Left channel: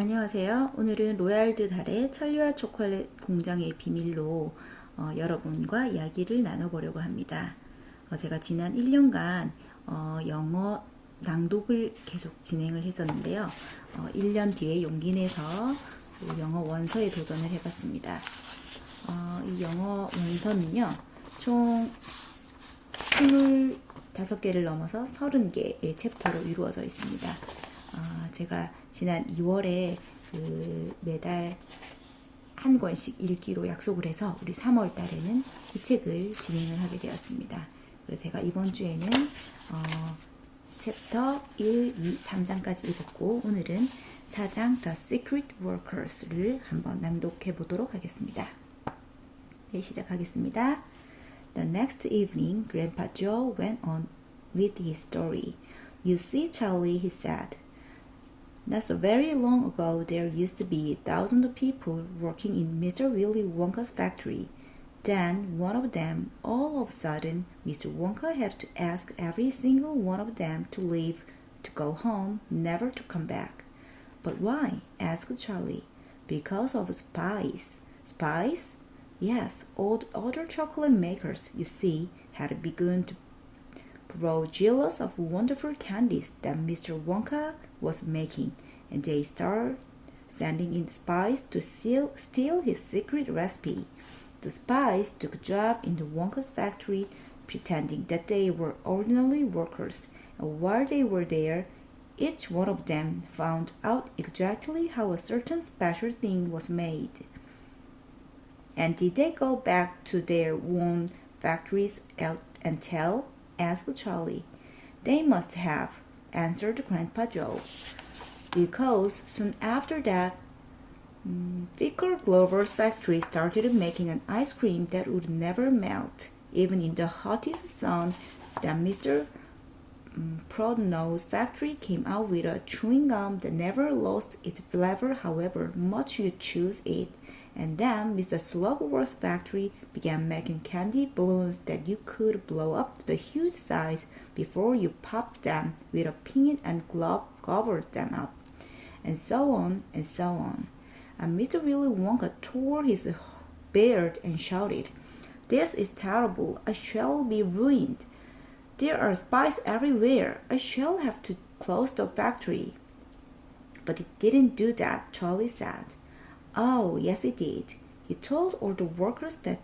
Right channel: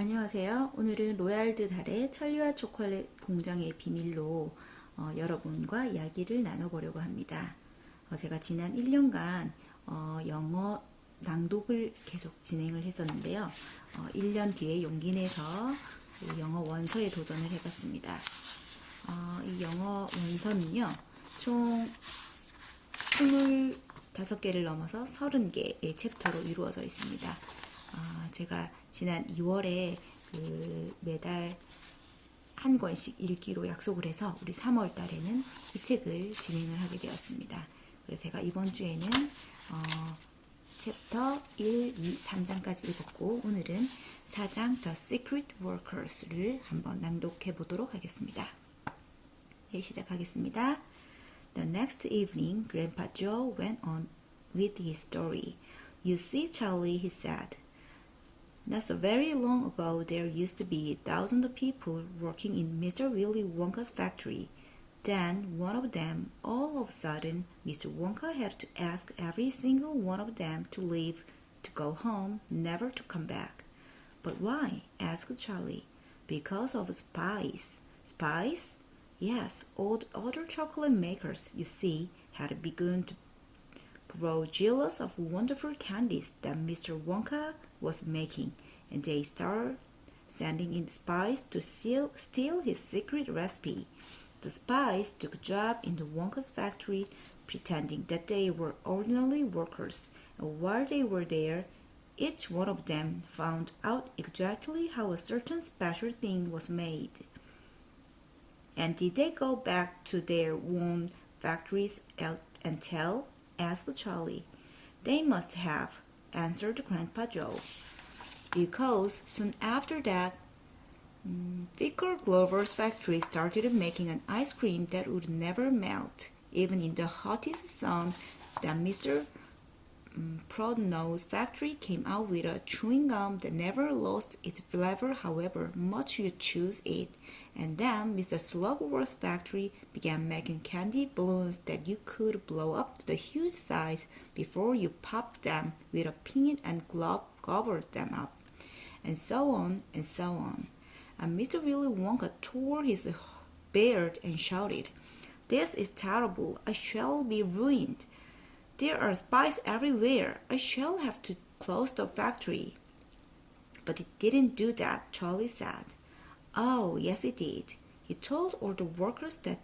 안녕하세요. 오늘은 로얄드 달의 찰리와초콜릿공장의 비밀로 여러분과 이야기를 나눠보려고 합니다. 제가 지난 1년간 영어 낭독을 계속 진행을 했었는데요. 1년 뒤에 용기 내서 영어 원서에 도전을 해봤습니다. 이 영어 원서는요, 총 25개를 넘어서 30개의 챕터로 이루어져 있습니다. 제가 지난 2월에 매달 한 권씩 읽기로 약속을 해서 우리 3월 달에는 이 책을 진행을 하게 되었습니다. 그래서 제가 이번 주에는 챕터 1, 2, 3장까지 읽었고 오늘은 4장 The Secret Workers를 한번 낭독해 보도록 하겠습니다. 네, 시작하겠습니다. The next evening, Grandpa Joe went on with his story. You see, Charlie, he said. Not so very long ago, there used to be thousands of people working in Mr. Willy Wonka's factory. Then, one of them, all of a sudden, Mr. Wonka had to ask every single one of them to leave, to go home, never to come back. But why? Asked Charlie. Because of spies. Spies? Yes, all the other chocolate makers, you see, had begun to grow jealous of wonderful candies that Mr. Wonka was making, and they started sending in spies to steal his secret recipe. The spies took a job in the Wonka's factory, pretending that they were ordinary workers, and while they were there, each one of them found out exactly how a certain special thing was made. And did they go back to their own factories and tell? Asked Charlie. They must have, answered Grandpa Joe, because soon after that, Vicar Glover's factory started making an ice cream that would never melt, even in the hottest sun. Then Mr. Prodno's factory came out with a chewing gum that never lost its flavor however much you choose it. And then Mr. Slugworth's factory began making candy balloons that you could blow up to the huge size before you popped them with a pin and gobbled them up. And so on and so on. And Mr. Willy Wonka tore his beard and shouted, "This is terrible. I shall be ruined. There are spies everywhere. I shall have to close the factory." But it didn't do that, Charlie said. Oh, yes it did. He told all the workers that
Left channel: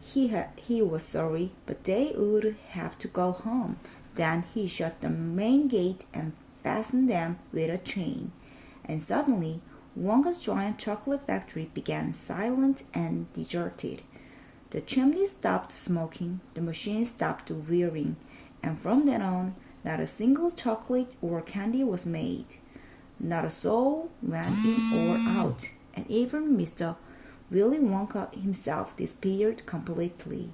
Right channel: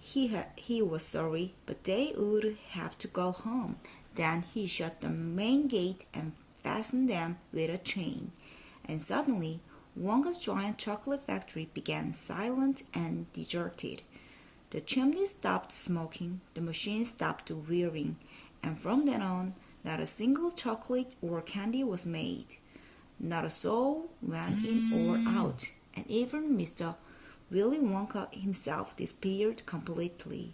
he was sorry, but they would have to go home. Then he shut the main gate and fastened them with a chain. And suddenly, Wonka's giant chocolate factory began silent and deserted. The chimney stopped smoking, the machine stopped whirring, and from then on, not a single chocolate or candy was made. Not a soul went in or out, and even Mr. Willy Wonka himself disappeared completely.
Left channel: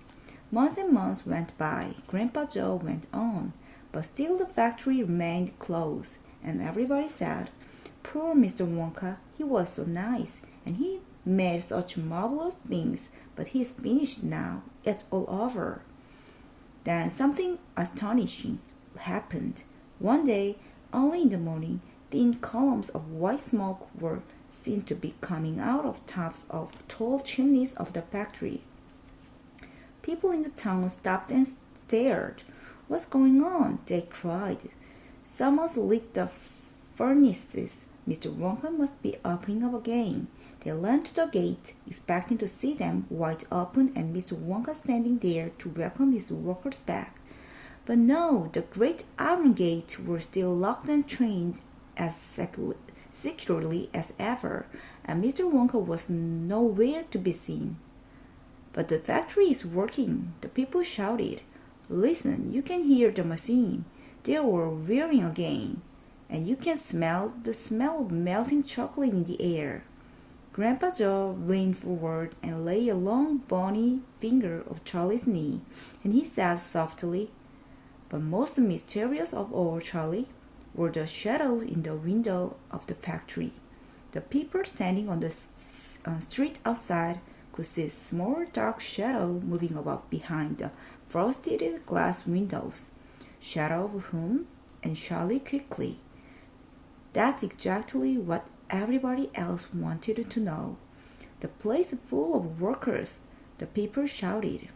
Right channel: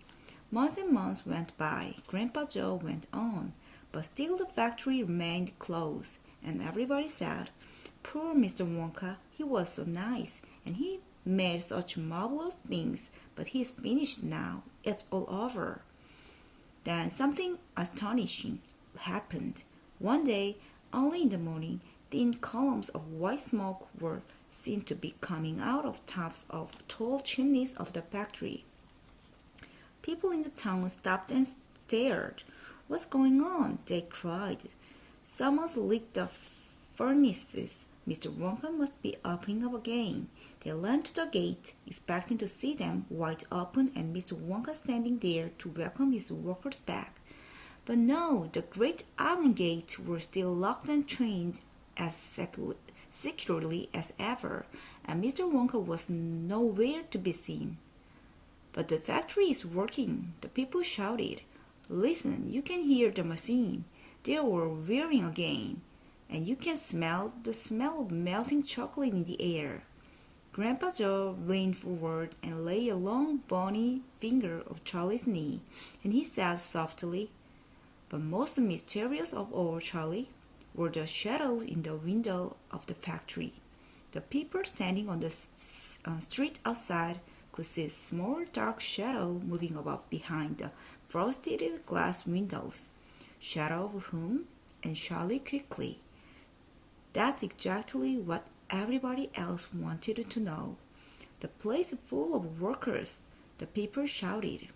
Months and months went by. Grandpa Joe went on, but still the factory remained closed, and everybody said, "Poor Mr. Wonka, he was so nice, and he made such marvelous things, but he's finished now. It's all over." Then something astonishing happened. One day, early in the morning, thin columns of white smoke were seen to be coming out of tops of tall chimneys of the factory. People in the town stopped and stared. "What's going on?" they cried. "Someone's lit the furnaces. Mr. Wonka must be opening up again." They ran to the gate, expecting to see them wide open and Mr. Wonka standing there to welcome his workers back. But no, the great iron gates were still locked and chained as securely as ever, and Mr. Wonka was nowhere to be seen. "But the factory is working," the people shouted. "Listen, you can hear the machine. They were whirring again, and you can smell the smell of melting chocolate in the air." Grandpa Joe leaned forward and laid a long bony finger on Charlie's knee, and he said softly, "But most mysterious of all, Charlie, were the shadows in the window of the factory. The people standing on the street outside could see a small dark shadow moving about behind the frosted glass windows. Shadow of whom? And Charlie quickly. "That's exactly what everybody else wanted to know. The place full of workers, the people shouted.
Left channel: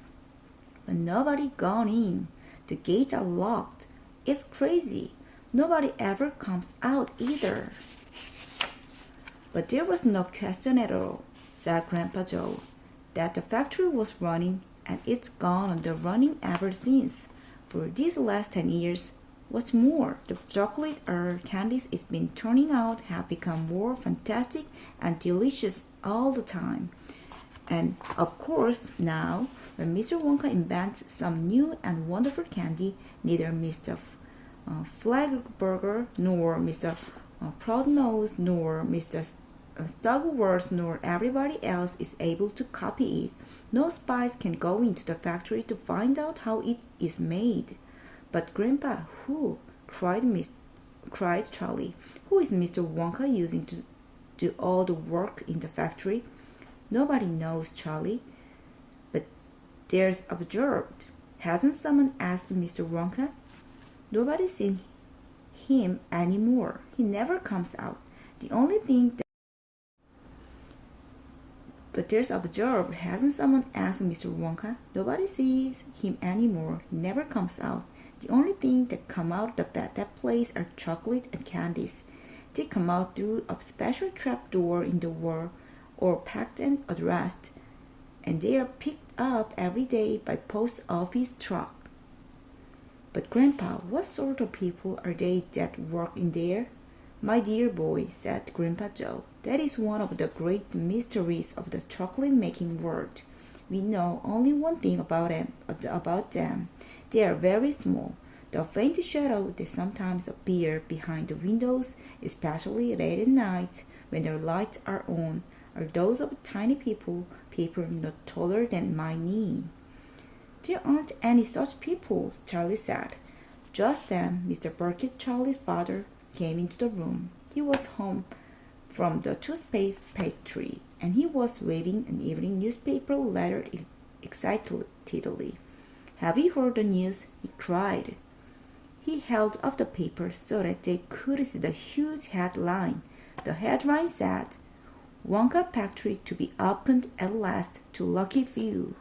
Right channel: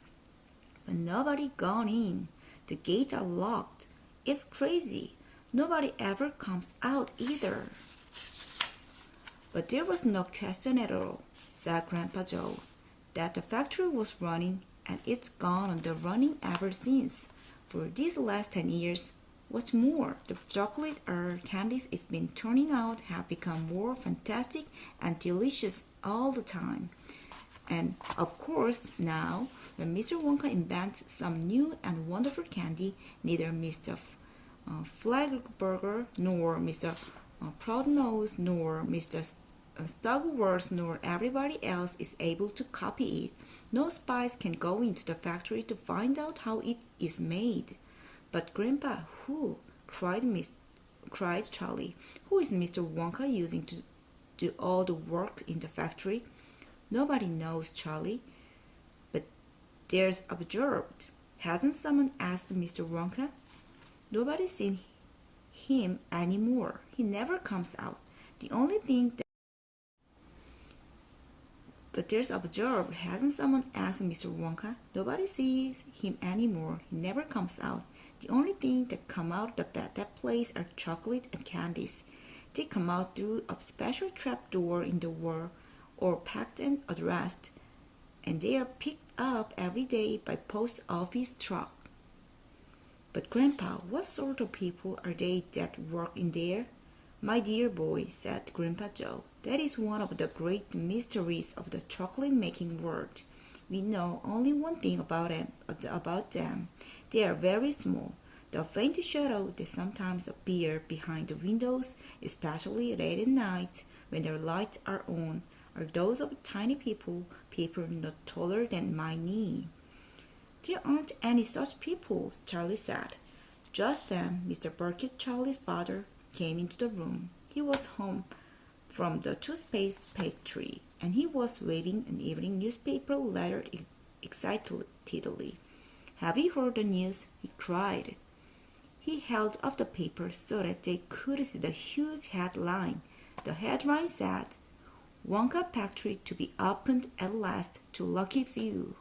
But nobody gone in. The gates are locked. It's crazy. Nobody ever comes out either. But there was no question at all, said Grandpa Joe, that the factory was running, and it's gone on the running ever since. For these last 10 years, what's more, the chocolate candies it's been turning out have become more fantastic and delicious all the time. And of course, now, when Mr. Wonka invents some new and wonderful candy, neither Mr. Flagburger nor Mr. Proudnose nor Mr. Stugworth nor everybody else is able to copy it. No spies can go into the factory to find out how it is made. But Grandpa, who? cried Charlie. Who is Mr. Wonka using to do all the work in the factory? Nobody knows, Charlie. But there's observed. Hasn't someone asked Mr. Wonka? Nobody's seen him anymore. He never comes out. The only thing that But there's observed, hasn't someone asked Mr. Wonka? Nobody sees him anymore. He never comes out. The only thing that come out of that place are chocolate and candies. They come out through a special trap door in the wall, or packed and addressed, and they are picked up every day by post office truck. But Grandpa, what sort of people are they that work in there? My dear boy, said Grandpa Joe, that is one of the great mysteries of the chocolate-making world. We know only one thing about them. They are very small. The faint shadow that sometimes appear behind the windows, especially late at night when their lights are on, are those of tiny people not taller than my knee. There aren't any such people, Charlie said. Just then, Mr. Burkett, Charlie's father, came into the room. He was home from the toothpaste factory, and he was waving an evening newspaper letter excitedly. Have you heard the news? He cried. He held up the paper so that they could see the huge headline. The headline said, Wonka Factory to be opened at last to lucky few.